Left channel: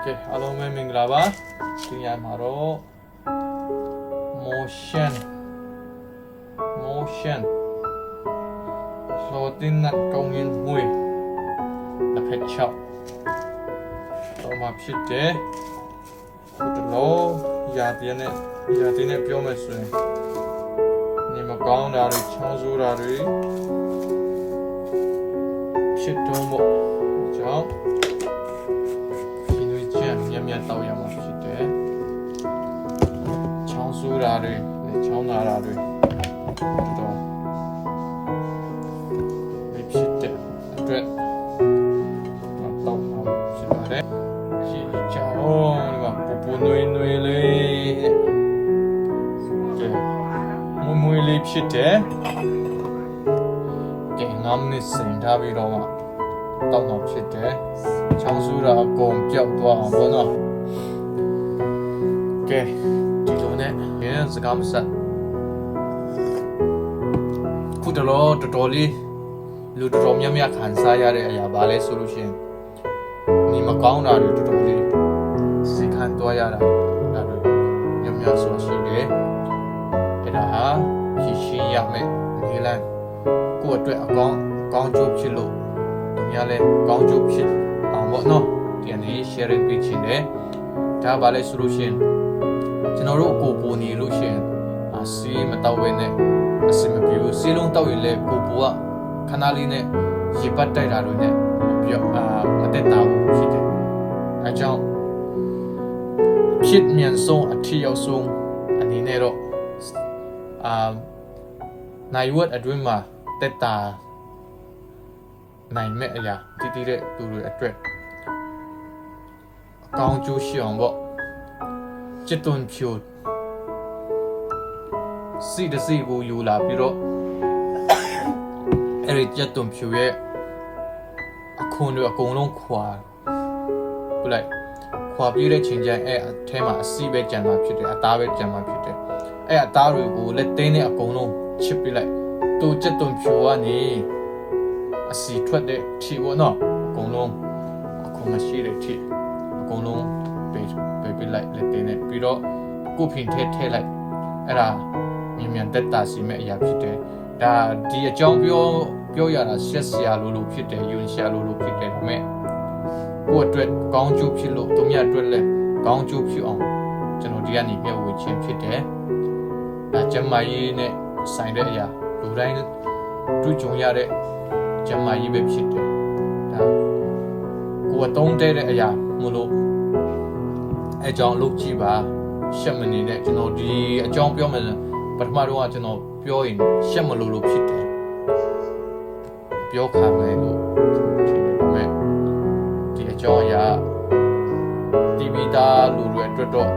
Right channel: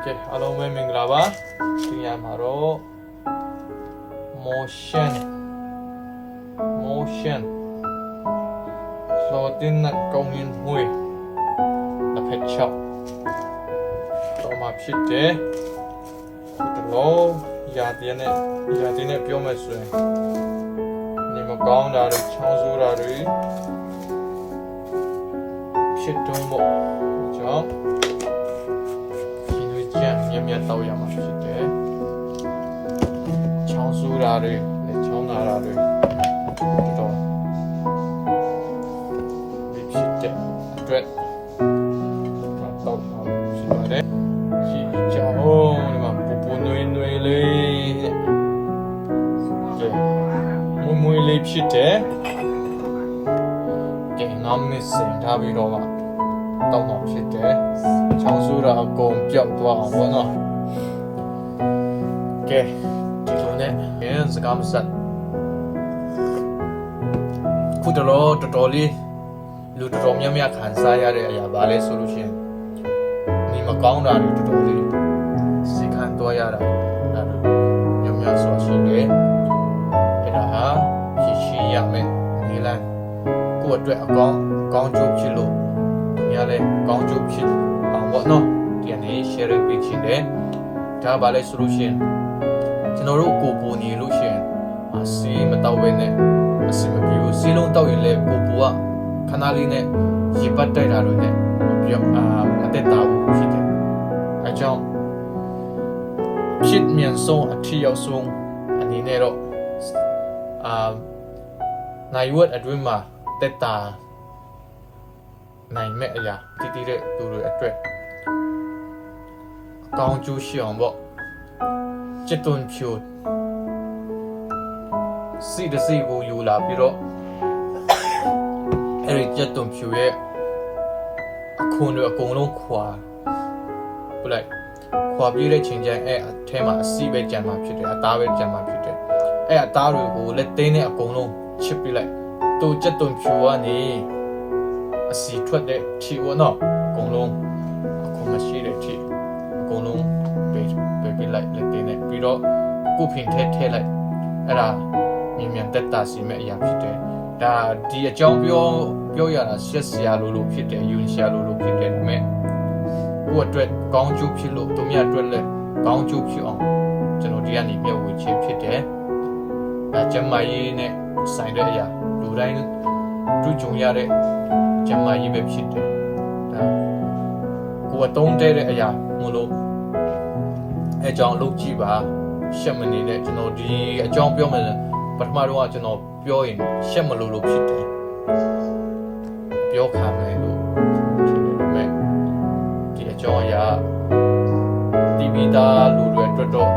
Okay, hello, my minglava. Tiamaro motion. Floating at going in hui. The pet shop. So my shit there. Put the low. Yadine Piometsu. Nimagon dari Chanzurari. Shit tombo. Jump. Nhâm tàu yamaဖြစ်တယ်ချောင်းဆူတာတွေချောင်းနာတာတွေတော့ဒီဖြစ်တဲ့အတွက်တော့ဖြစ်ပါတယ်ရှိချောင်းဒီမှာပူနွေလေးကဲမွေလေးဖြစ်တယ်ကဲငမ်းနေစင်ထားပြီးတော့မှတောင်းတော့ဖြစ်တယ်ချောင်းဆူတာအကုန်ပြောက်သွားအောင်ပေါ့နော်ကဲဒီလိုနဲ့ရစကားမဆက်ခုတော်တော်လေးလူတော်များများခံစားရတဲ့အရာပါလဲဆိုလို့ရှိရင်ဒီမကောင်းတာတွေတော်တော်လေးစိတ်ခံသွားရတာဒါတွေများစွာရှိတယ်အဲ့ဒါဟာဖြည့်ရှင်းရမယ်ဒီလမ်းကိုယ့်အတွက်အကောင်းကျိုးဖြစ်လို့သူများလဲကောင်းကျိုးဖြစ်အောင်ပေါ့နော်ဒီနေ့ sharing ပေးချင်တယ်ဒါပါလဲဆိုလို့ရှိရင်ကျွန်တော်တို့ကိုပူနေလို့ရှိရင်စီးမတောက်ဝဲနဲ့အစမပြေဘူးစီးလုံးတောက်ရင်လည်းကိုပူကခဏလေးနဲ့ရေပတ်တိုက်တာလို့နဲ့မတက်တာဘူးဖြစ်တယ်အဲကြောင့်ဖြစ်မြန်ဆုံးအထီရောက်ဆုံးအနေနဲ့တော့နိုင်ဝတ်အတွင်းမှာတက်တာနိုင်မဲ့အရာတည်တဲ့သူတွေအတွက်အကောင်းကျိုးရှိအောင်ပေါ့จิตตุนဖြူစီတစီကိုယူလာပြီးတော့အဲ့ဒီจิตตุนဖြူရဲ့အခုတွေအကုန်လုံးခွာပြလိုက်ခွာပြည့်တဲ့ချိန်ကျရင်အဲ့အထဲမှာအစီပဲကြံမှာဖြစ်တယ်အသားပဲကြံမှာဖြစ်တယ်အဲ့အသားတွေကိုလက်သေးနဲ့အကုန်လုံးချစ်ပြလိုက်သူจิตตุนဖြူကနေအစီထွက်တဲ့ထီပေါ့နော်အကုန်လုံးအခုမရှိတဲ့ထီအကုန်လုံးပေးလိုက်လက်သေးနဲ့ပြီးတော့ကုဖင်ထဲလိုက်အဲ့ဒါမြန်တက်တာစီမဲ့အရာဖြစ်တယ်ဒါဒီအကြောင်းပြောရတာရှက်စရာလိုဖြစ်တယ်ယွန်ရှာလိုဖြစ်တယ်ဒါပေမဲ့ကိုယ့်အတွက်ကောင်းကျိုးဖြစ်လို့သူများအတွက်လည်းကောင်းကျိုးဖြစ်အောင်ကျွန်တော်ဒီကနေမျှဝေခြင်းဖြစ်တယ်ဒါကျမကြီးနဲ့ဆိုင်တဲ့အရာလူတိုင်းတွေ့ကြုံရတဲ့ကျမကြီးပဲဖြစ်တယ်ဒါကိုယ်အသုံးတဲ့အရာမလို့အဲကြောင့်လုပ်ကြည့်ပါရှက်မနေနဲ့ကျွန်တော်ဒီအကြောင်းပြောမယ်ပထမတော့ကျွန်တော်ပြောရင်ရှက်မလို့ဖြစ်တယ်ပြောခံမယ်လို့ထင်တယ်ဒါပေမဲ့ဒီအကြောင်းအရာတီဗီသားလူတွေအတွက်တော့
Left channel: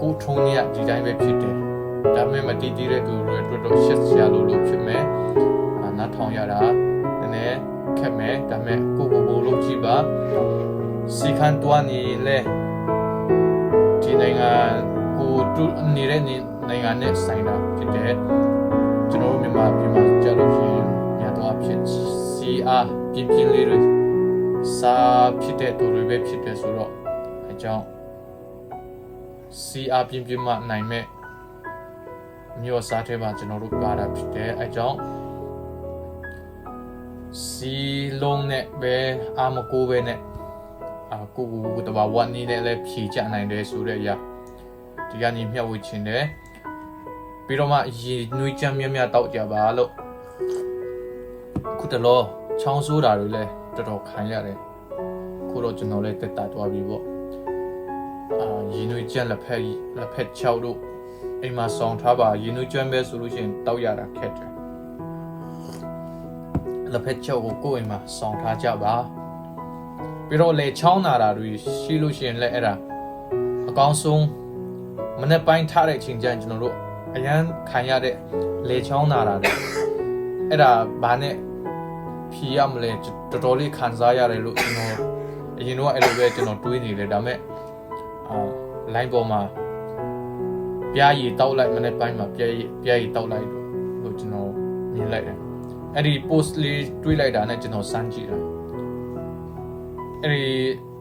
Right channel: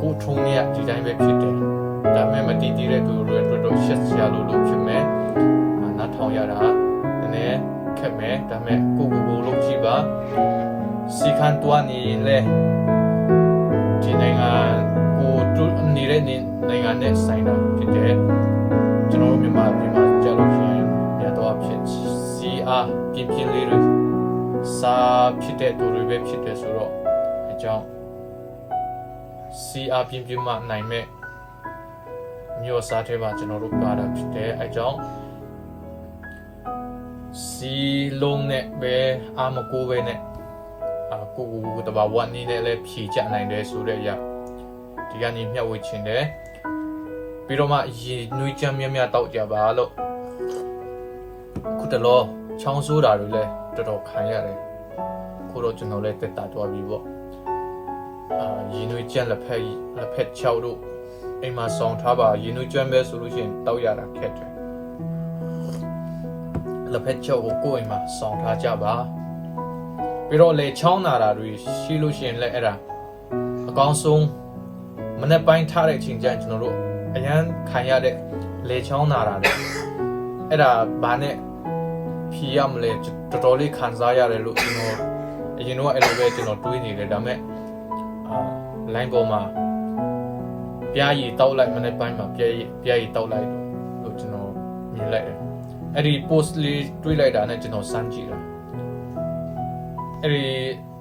ကိုထုံးရဒီတိုင်းပဲဖြစ်တယ်ဒါပေမဲ့မတည်တည်တဲ့သူတွေအတွက်တော့ရှက်စရာလို့ဖြစ်မယ်နားထောင်ရတာနည်းနည်းခက်မယ်ဒါပေမဲ့ကိုလုပ်ကြည့်ပါစီခန်တွားနေလေဒီနိုင်ငံကိုတူနေတဲ့နိုင်ငံနဲ့ဆိုင်တာဖြစ်တယ်ကျွန်တော်တို့မြန်မာပြည်မှာကြားလို့ရှိရင်မြတ်တော်ဖြစ်စီအားပြင်းလေးတွေစာဖြစ်တဲ့သူတွေပဲဖြစ်တယ်ဆိုတော့အကြောင်းစီအားပြင်းမှနိုင်မဲ့မျိုးစားတဲ့မှာကျွန်တော်တို့ပါတာဖြစ်တယ်အကြောင်းစီလုံးနဲ့ပဲအာမကိုပဲနဲ့ကိုတဘာဝနီးနဲ့လည်းဖြည့်ချနိုင်တယ်ဆိုတဲ့အရာဒီကနေ့မျှဝေချင်တယ်ပြီးတော့မှရေနွေးချမ်းများတောက်ကြပါလို့ခုတလောချောင်းဆိုးတာတွေလည်းတော်တော်ခံရတယ်ခုတော့ကျွန်တော်လည်းတက်တာသွားပြီပေါ့ရေနွေးချမ်းလက်ဖက်ချောက်တို့အိမ်မှာဆောင်ထားပါရေနွေးချမ်းပဲဆိုလို့ရှိရင်တောက်ရတာခက်တယ်လက်ဖက်ချောက်ကိုကိုယ်အိမ်မှာဆောင်ထားကြပါပြီးတော့လေချောင်းနာတာတွေရှိလို့ရှိရင်လည်းအဲ့ဒါအကောင်းဆုံးမနေ့ပိုင်းထားတဲ့အချိန်ကျရင်ကျွန်တော်တို့အရန်ခံရတဲ့လေချောင်းနာတာတွေအဲ့ဒါဘာနဲ့ဖြီးရမလဲတော်တော်လေးခံစားရတယ်လို့ကျွန်တော်အရင်တော့အဲ့လိုပဲကျွန်တော်တွေးနေတယ်ဒါပေမဲ့လိုင်းပေါ်မှာပြားရည်တောက်လိုက်မနေ့ပိုင်းမှာပြားရည်တောက်လိုက်လို့ကျွန်တော်မြင်လိုက်တယ်အဲ့ဒီ post လေးတွေးလိုက်တာနဲ့ကျွန်တော်စမ်းကြည့်တာ ဒီ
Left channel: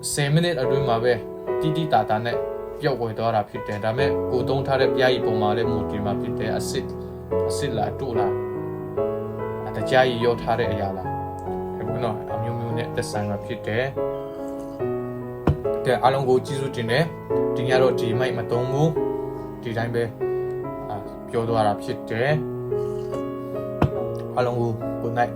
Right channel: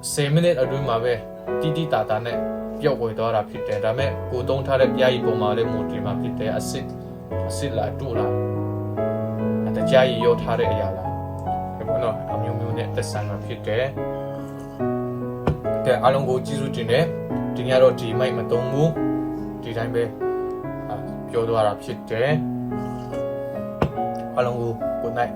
10မိနစ်အတွင်းမှာပဲတိတာတာနဲ့ပျောက်ကွယ်သွားတာဖြစ်တယ်ဒါပေမဲ့ကိုသုံးထားတဲ့ပြားကြီးပုံမှာလည်းမူတည်မှာဖြစ်တယ်အစစ်လာတို့လာတကြားကြီးရောထားတဲ့အရာလားဒီဘောနော်အမျိုးမျိုးနဲ့သက်ဆိုင်မှာဖြစ်တယ်ကဲအားလုံးကိုကျေးဇူးတင်တယ်ဒီညတော့ဒီမိုက်မသုံးဘူးဒီတိုင်းပဲပြောသွားတာဖြစ်တယ်အားလုံးကို good night